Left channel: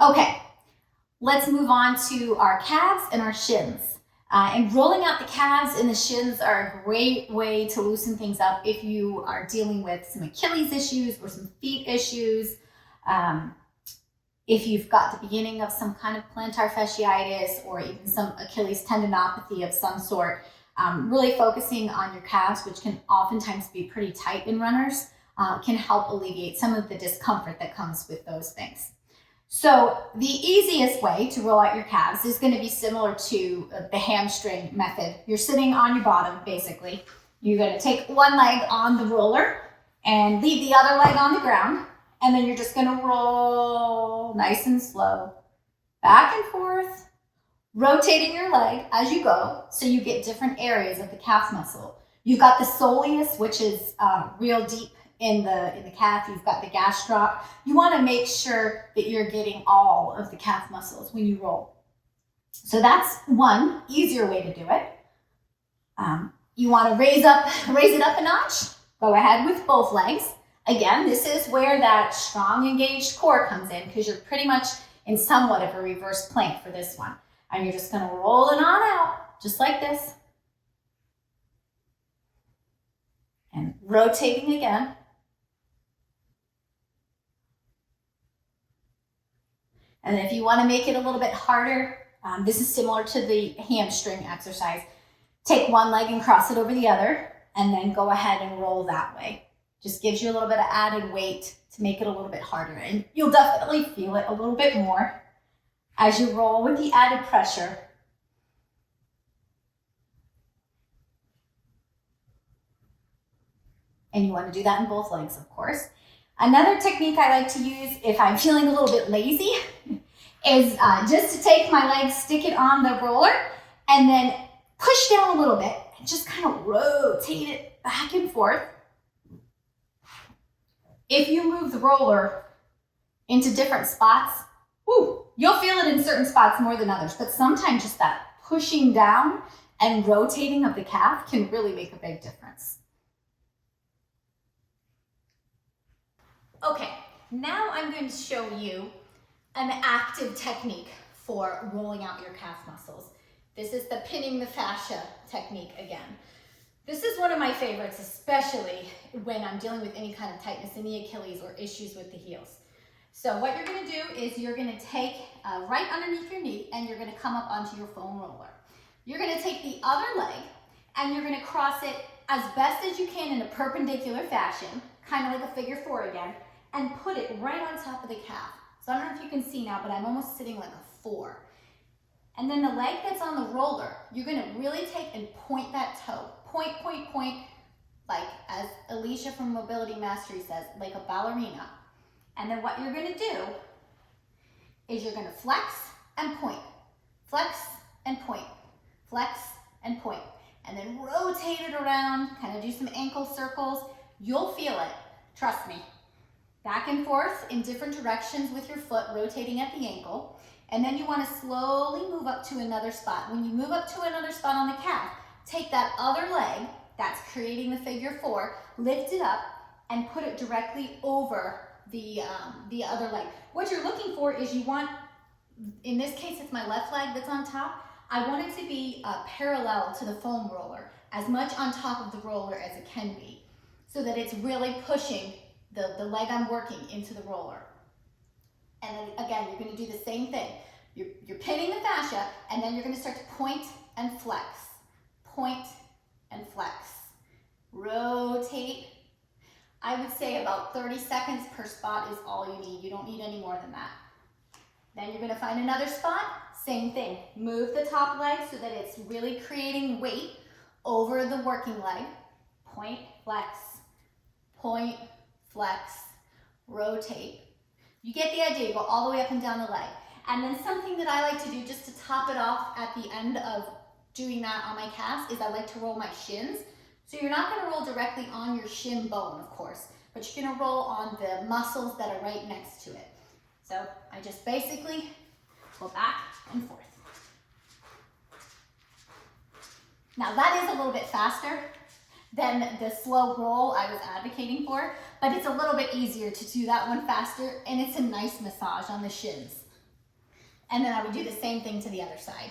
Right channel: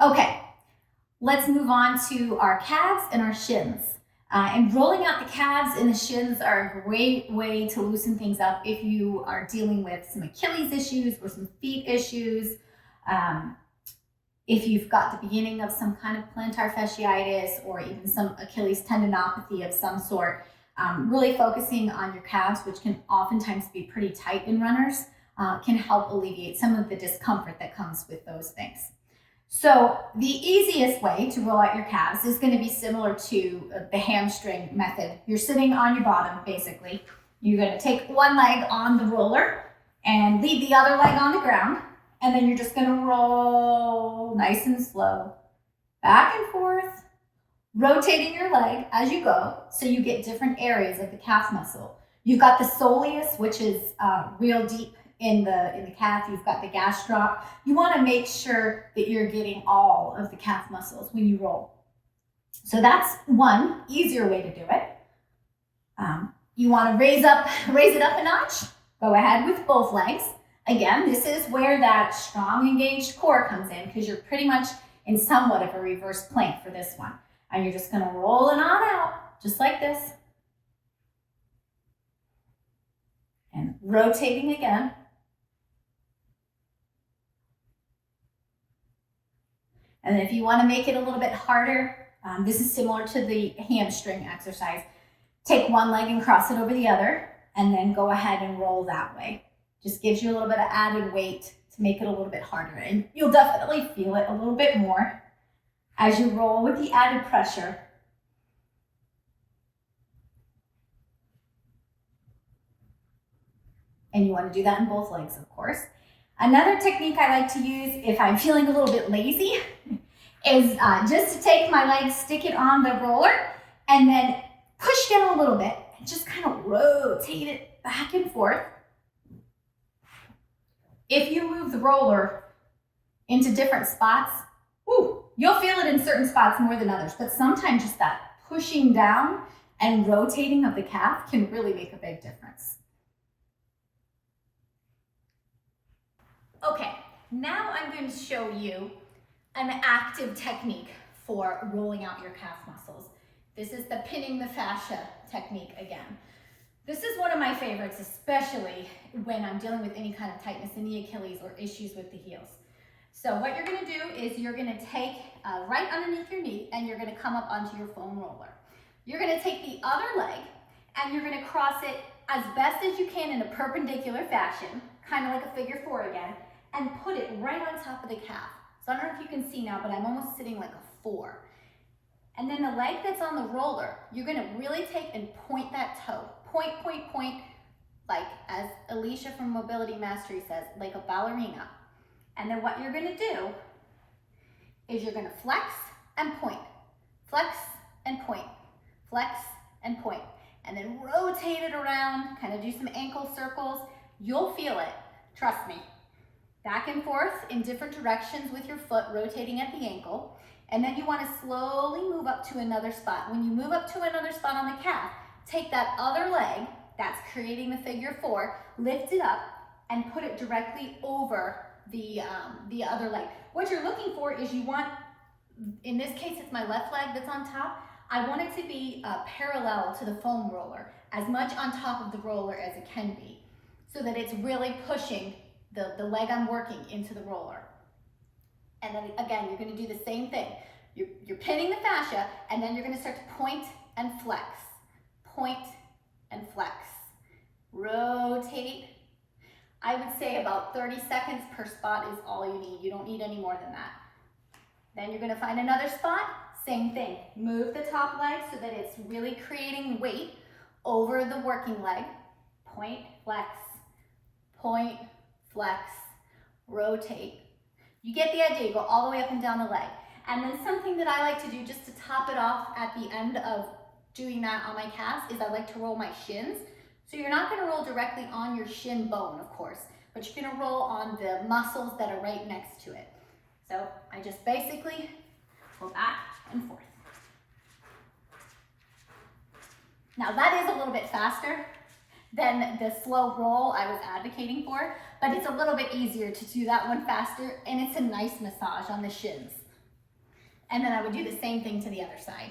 Okay, let's move on to our calves and our shins. And rolling out the calves and the shins are a great way to loosen things up if you are dealing with some Achilles issues or some feet issues. If you've got the beginning of some kind of plantar fasciitis or even some Achilles tendinopathy of some sort, really focusing on your calves, which can oftentimes be pretty tight in runners, can help alleviate some of the discomfort that comes with those things. So the easiest way to roll out your calves is going to be similar to the hamstring method. You're sitting on your bottom, basically. You're going to take one leg on the roller and leave the other leg on the ground. And then you're just going to roll nice and slow, back and forth, rotating your leg as you go so you get different areas of the calf muscle. You've got the soleus, which is real deep in the calf. You've got the gastroc. You want to make sure that you're getting all of the calf muscles when you roll. So that's one easier way to do it. You want to raise it up a notch. Go ahead with both legs. Again, this is where that strong engaged core comes in because you're pretty much in somewhat of a reverse plank for this one. And you're just going to roll it on out just like this. And rotating again. And if you want to make it a little bit harder, this is similar to the hamstring exercise. Take one leg and cross it over the other, and then go ahead and roll that way. Just gives you a little bit of added weight to make it a little bit harder. And you'll definitely feel it a little bit more as you roll with the added pressure. And you want to do that in both legs, of course. Another technique I like to use if I'm feeling a little bit lazy is just to take my leg, stick it on the roller, and then push down a little bit and just kind of rotate it back and forth. If you move the roller into different spots, you'll feel it in certain spots more than others, but sometimes just that pushing down and rotating of the calf can really make a big difference. Okay, now I'm going to show you an active technique for rolling out your calf muscles. This is the pinning the fascia technique again. This is one of my favorites, especially when I'm dealing with any kind of tightness in the Achilles or issues with the heels. So what you're going to do is you're going to take right underneath your knee and you're going to come up onto your foam roller. You're going to take the other leg and you're going to cross it as best as you can in a perpendicular fashion, kind of like a figure four again, and put it right on top of the calf. So I don't know if you can see now, but I'm almost sitting like a four. And then the leg that's on the roller, you're going to really take and point that toe. Point, point, point, like as Alicia from Mobility Mastery says, like a ballerina. And then what you're going to do is you're going to flex and point, flex and point, flex and point, and then rotate it around, kind of do some ankle circles. You'll feel it, trust me. Back and forth in different directions with your foot rotating at the ankle. And then you want to slowly move up to another spot. When you move up to another spot on the calf, take that other leg that's creating the figure four, lift it up and put it directly over the other leg. What you're looking for is you want, in this case it's my left leg that's on top, I want it to be parallel to the foam roller, as much on top of the roller as it can be, so that it's really pushing the leg I'm working into the roller. And then again, you're going to do the same thing. You're pinning the fascia, and then you're going to start to point and flex. Point and flex. Rotate. I would say about 30 seconds per spot is all you need. You don't need any more than that. Then you're going to find another spot. Same thing. Move the top leg so that it's really creating weight over the working leg. Point, flex. Point, flex, rotate. You get the idea, go all the way up and down the leg. And then something that I like to do just to top it off at the end of doing that on my calves is I like to roll my shins. So you're not going to roll directly on your shin bone, of course, but you're going to roll on the muscles that are right next to it. So I just basically go back and forth. Now that is a little bit faster than the slow roll I was advocating for, but it's a little bit easier to do that one faster, and it's a nice massage on the shins. And then I would do the same thing to the other side.